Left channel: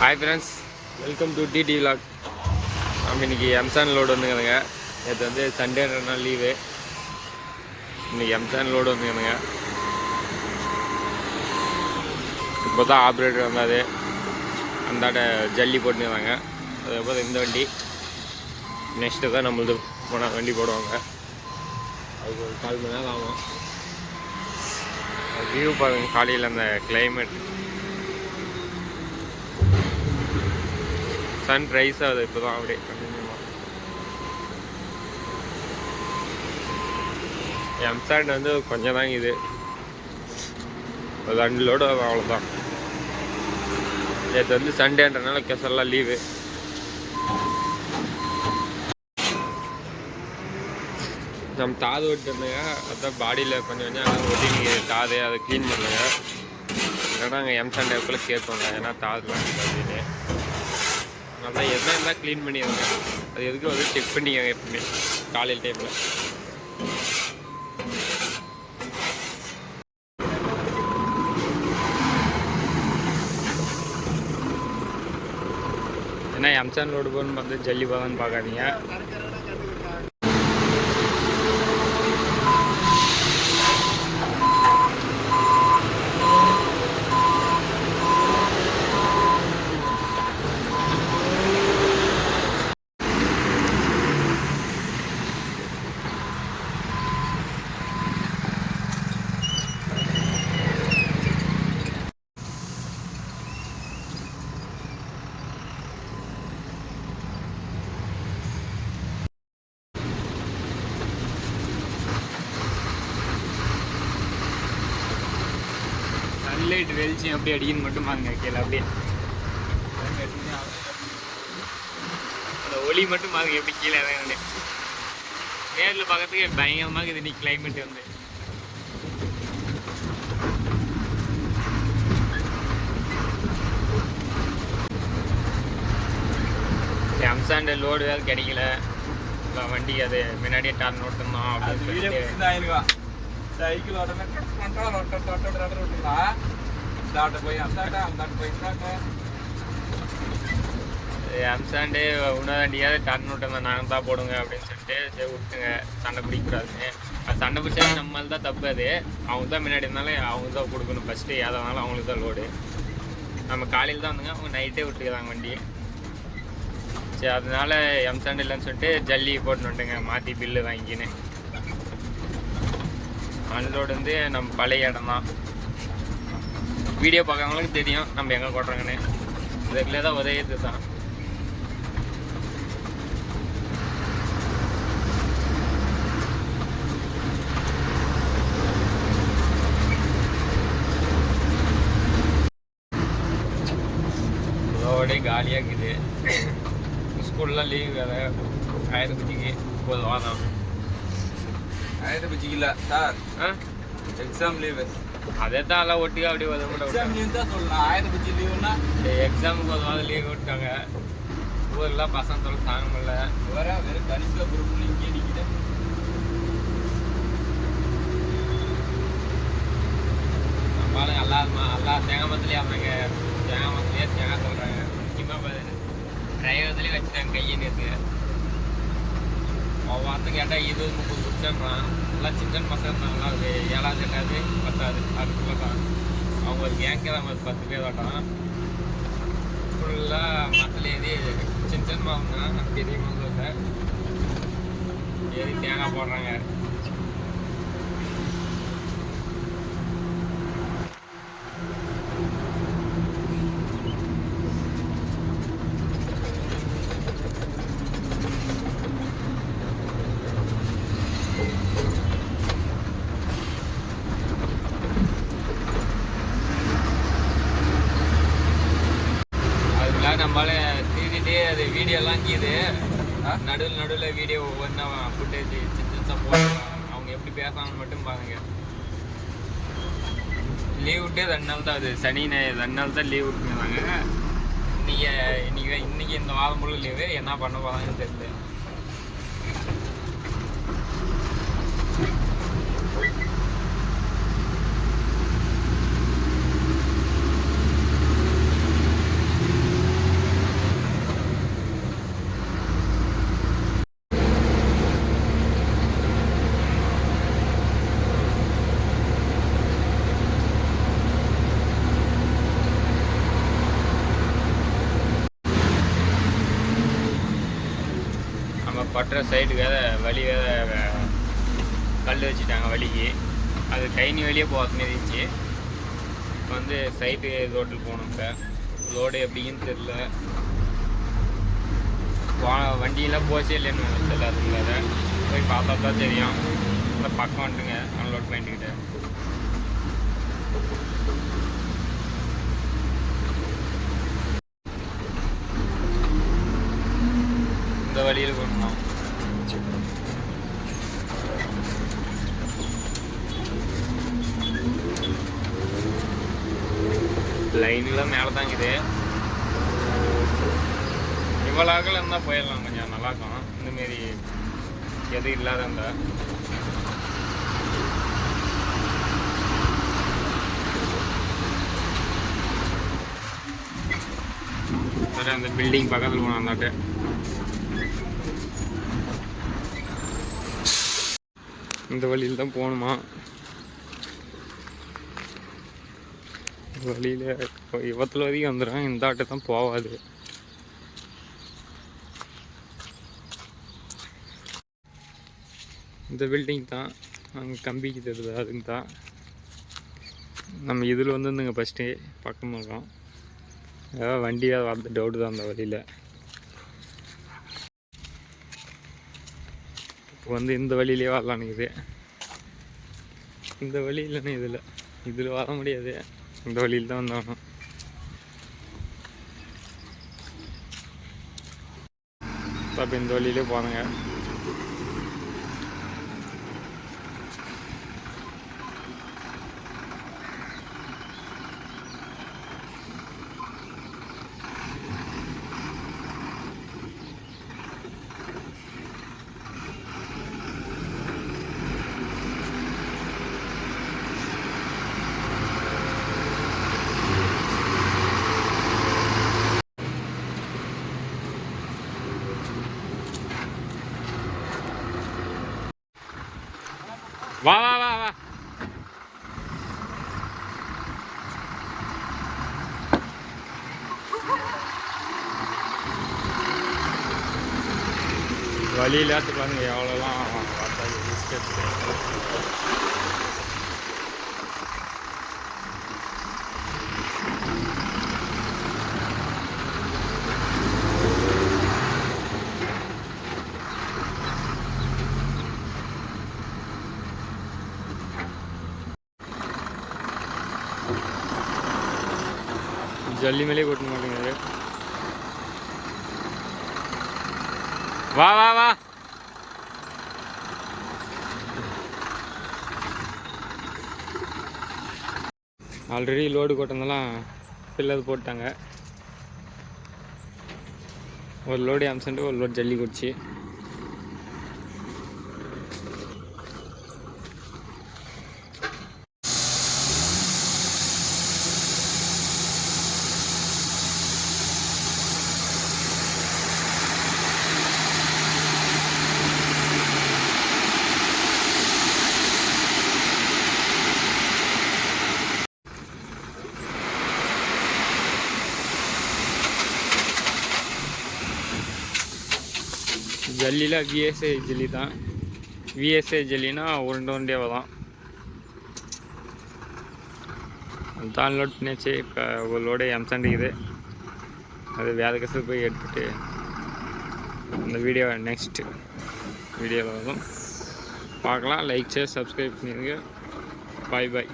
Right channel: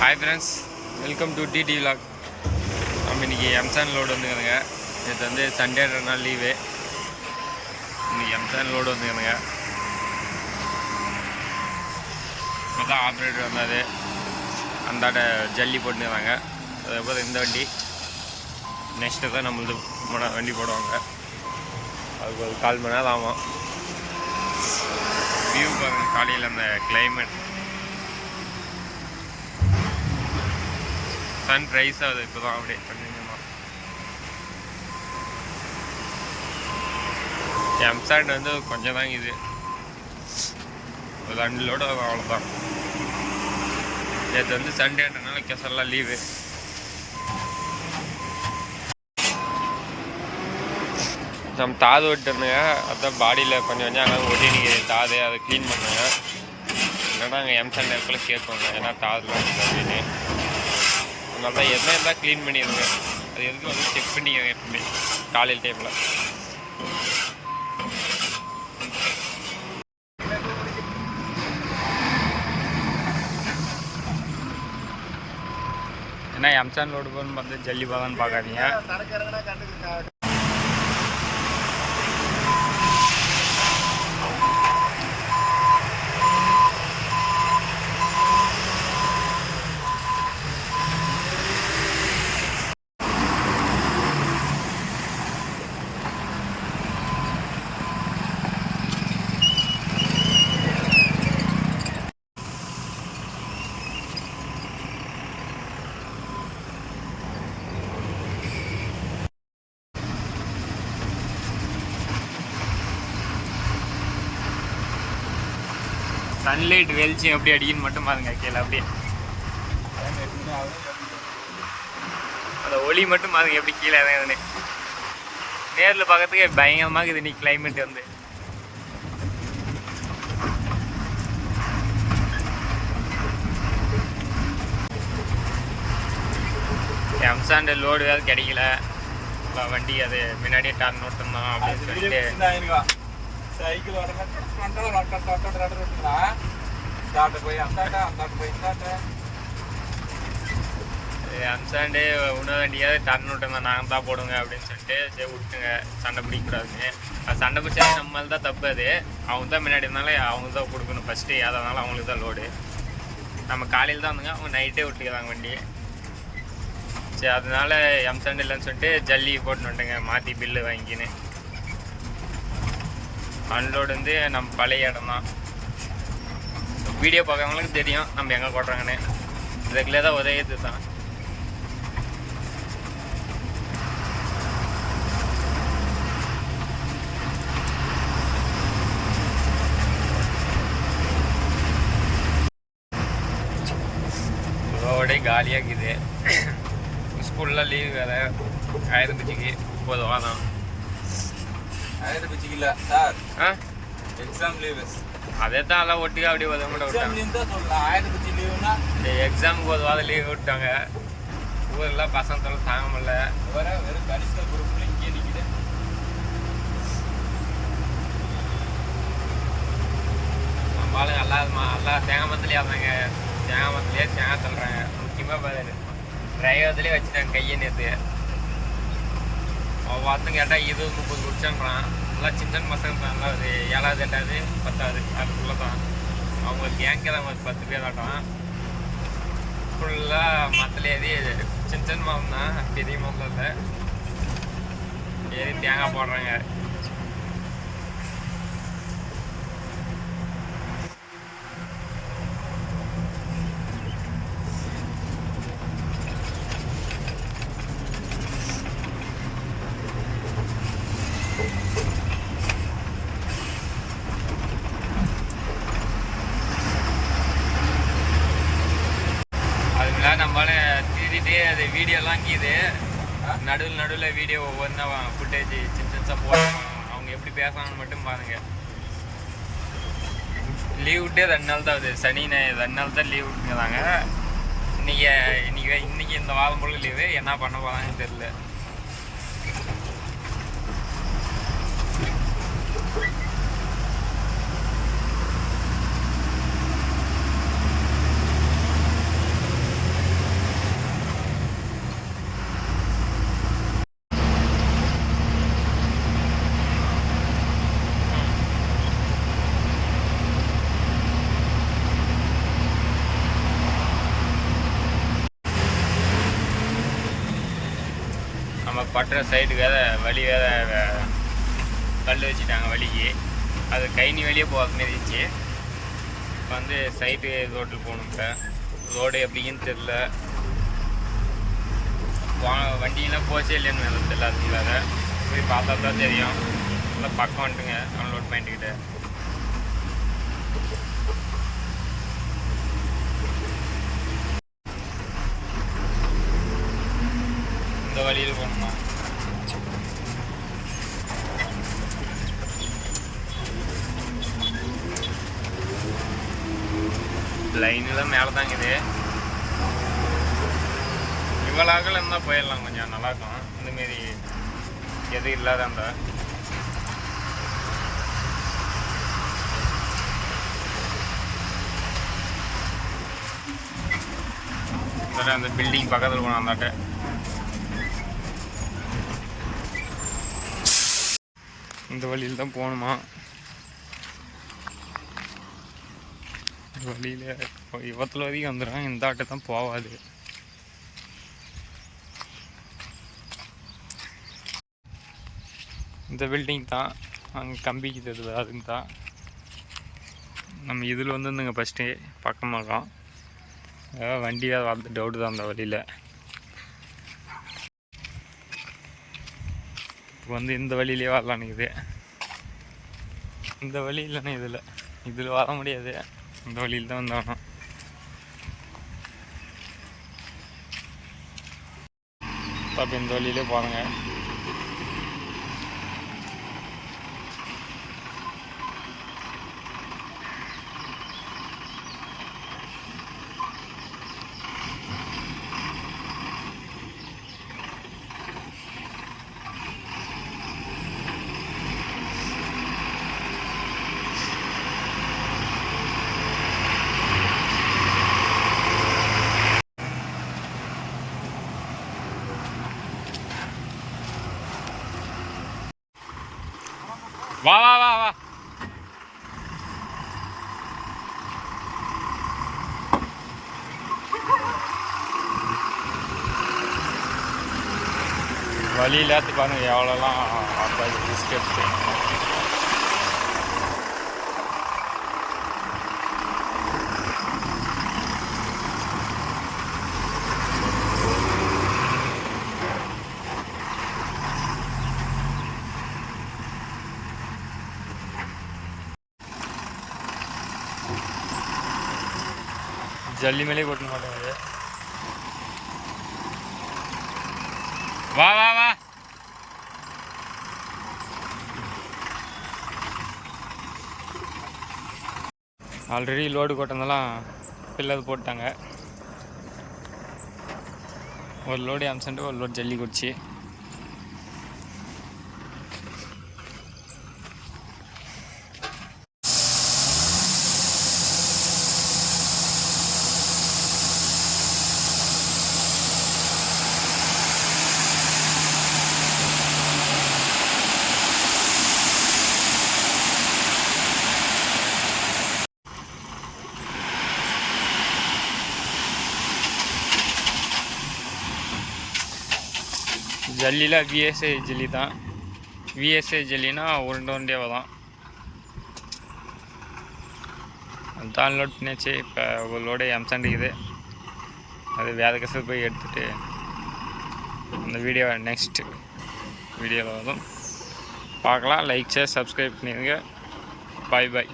Hi friends, welcome to TT Vlog. நம்ம இன்னைக்கு M-sand load வந்துங்க. நேற்று வந்து சண்டேன்றனா லீவு. இன்னைக்கு எம்சான் லோடு வந்துங்க. இப்போ தான் ஆப்ரேட்டர் வந்தாது. அந்தாட்ட ஜல்லி போட்டுருந்தாங்க. அதுக்கப்புறம் இந்த வண்டி நெக்ஸ்ட்டு தான் நம்மளது வண்டி போடுவாங்க. அதுக்கு ஒரு 4 மணி நேரம் ஆகும். வியூ பாருங்க, காலையில் அந்த கிளைமேட் சன் ரைஸ் ஆகுது இப்போ தான் அப்படியே கொஞ்சமாக. எம்சாண்ட் வந்து கொஞ்சம் தாங்க, இது ஒரு 2 லோடு அவ்வளோதான். நேற்று வந்து சண்டேன்றனால கெசல்லாம் லீவு. நம்ம தாது ஓட்டுனுங்க, அதான் பாடியில் கொஞ்சம் கொஞ்சம் அங்கே ஒட்டி நீங்கள் தாது அதை க்ளீன் பண்ணுங்க. இல்லைன்னா அங்கே எம்சாண்ட் நேரத்தில் கேட்கணும், ஏன்னா தாதுலாம் இருக்குது அப்படின்னு. அதனால தான் எதனா இருந்தால் க்ளீன் பண்ணிடுங்க. அது எதுக்கும் வந்து செக் பண்ணிக்கோங்க எப்பவுமே காலையில் டைமில். ஏன்னா எம்சான் லோடு போகணுன்னு பார்த்து ஜல்லி போதான்னு பார்க்காதீங்க. சன்லைட் வெளிச்சம் எப்படி அடிக்குன்னு மட்டும் பாருங்க கீழே. அப்படியே அந்த ஒளி மட்டும் பாருங்க எப்படி கீழே இறங்குது. நேரில் பார்க்கறதுக்கு பயங்கரமாக இருக்குது இன்னைக்கு கிளைமேட் வந்து. எம்சாண்ட் லோடு வேறு கிடைக்கல. வண்டி அது முன்னாடியே டார்ன் ஓட்டணும் அப்படின்னு சொல்லிட்டு సైకిల్ పోయి எம்சாண்டே உணவண்டியாவது டன் விட்டுருந்தா நாங்கள் தான் போடுங்க அப்படின்னு சொல்லிட்டு சரி விட்டுங்க, சண்டை பிடிக்கக்கூடாதுன்னு. அது சண்டை பிடிச்சது நம்மளால தான் தப்பு. அது அவங்க தான் முன்னாடி இருந்தாலும் அவங்க தான் கொடுக்கணும் ஃபஸ்ட்டு. எதனாலும் அவங்களுக்கு தான் லோடு. நம்ம காலையில் தான் வந்துங்க, அவங்க நைட்டே விட்டுக்கிறாங்க வண்டியை. சரி அதனால எம்சாண்ட் இல்லைன்னு சொல்லிட்டு ஜல்லி போட்டுன்னு வந்துட்டுங்க, மாற்றி பில்லு வாங்கிக்கின்னு. அன்லோடு வந்து நம்ம பழைய இடம் தான். வீடியோ பார்க்குறவங்களுக்கு தெரியும் நம்ம எங்கே கொட்டுறாங்கன்னு. இதுக்குள்ளே தான் உதவியது தான். ரோடே காலியாக இருக்குது. ஸ்கூல்லாம் லீவு வேறு. ஆயிரபட்சிக்கு 30 வாரம். இல்ல சார், எக்ஸாம் லீவ். அதே தான் எல்லாம் ஒட்டுக்கா அப்படியே உதவ மாட்டேன் விட்டாங்க. எக்ஸாமுக்கு 1 வாரம் லீவ் விட்டாங்க. ஊரெல்லாம் பசங்க தொலை தாங்க முடியல. வெறும் கணிசா பொருட்கள் இங்கே நிற்கிது. நம்ம ஆளுங்க எல்லாம் தேங்காய் மரத்துலேயே ஆடுறாங்க. தேங்காய் மரத்துலேயே தேங்காய் தள்ளுறாங்க. முக்கியமாக டிரைவர்லேயே வச்சுட்டாங்க கையை நேற்று. வார்த்தை கேட்டால் 20-30 குடிச்சான்றான். நல்லா சின்ன பசங்க தான். நல்லா அது 7வது 8வது 10வது அதுக்குள்ளே தான். அவங்க கேங்கே தான் 10 பேர் ஆட்டான். ஃபுல்லாக மரத்தில் ஏறி சின்ன மரம் தான், பெரிய மரத்தில் இல்லை, ஏறி தேங்காய் போடுறாங்க. நம்மளால திருடிட்டே அது வீடியோலாம் கீது நடுவில் வீடியோ ஒவ்வொன்றா ஃபுட்டேஜ் சின்ன போடுவாங்க. அவங்க எப்படி பேசுறாங்கன்னு மட்டும் பாருங்க. லீவ் விட்டே 2 நாள் தான் ஆகுது. சனி 2 நாள் தான் லீவ் விட்டுங்கிறாங்க. இன்னைக்கு இந்த வாரம் முழு லீவு. என்ன பண்ண போகிறாங்கன்னு தெரியல. பட்டுற சைடு வழி கல் வச்சுட்டாங்க வழிக்கு. அது கைனி வழியே போகிற மாரி இருந்துச்சு. இப்போ வந்து சைடு ரோட்டில் போகணும். இப்போ ரோடு எப்படின்னு தெரில, வண்டியெல்லாம் போச்சே இல்லைன்னு எனக்கு தெரியல. அதுக்குள்ளார போய் பார்த்தா தான் தெரியும். நல்லா பக்கம் வந்துட்டுங்க அன்லோட் பண்ணிக்கிட்டு. இந்த வழியில் போகணுமா? லைன்லாம் மேலே தாங்குது. இவ்வளோ அகலம் இருந்தால் போயிடலாம், கொஞ்சம் நல்லாயிருக்கும். இந்தமாரி எதுவும் இல்லாத அந்த அந்த பில்டிங் பக்கத்தில் போனோம். அந்தாட்ட இந்த வழியில் தான் போகணுமா? வழியில் இவத்தில் வரைக்கும் வந்துடும். இந்த ஆட்டை தான் போகாது. இந்த பில்டிங் தான் அங்கே கம்பிக்கு தெரியுது, அதுங்க தான். நம்ம இதில் வந்துங்க ஃபஸ்ட்டு பக்கமாக வண்டியாக வரது டவுட்டு தான் அந்த வழியில். இப்போ வந்து இந்த வழியிலே வரலான்னுக்குது. இந்த வழி இல்லைன்னா இதில் வர முடியாது. இந்த வழியில் தான் வந்தாகணும். அப்போ இந்த வழியிலே போகிறேங்க. வா வா வா வா. வழியில் ஏற்று பாருங்க எவ்வளோலாம் பிஸ்கெட். ஜல்லி மேலே கொட்ட மாட்டேங்குது. வா வா வா. ஆல்ரெடி லோடு கொட்டினதெல்லாம் பில்லது போட்டாங்க. ஒரு லோடு அம்சன்ட்டு ஒரு லோடு ஜல்லி குடிச்சு. ஜல்லியில் விஎஸ்ஏ ஜல்லி தான். விஎஸ்ஏ ஜல்லினா உருண்டை உருண்டையாக தான். அதுதான் லோட் பண்ணியாச்சு. இப்போ ஒரு லோடு எம்சண்டிக்குது. அது வேறு கசு போய் எடுத்துகிட்டு இந்த வீடியோ நெக்ஸ்ட் வீடியோவில் வரும் பார்க்கலாம். லைக் ஷேர் சப்ஸ்கிரைப் பண்ணிடுங்க. பாய் பாய்.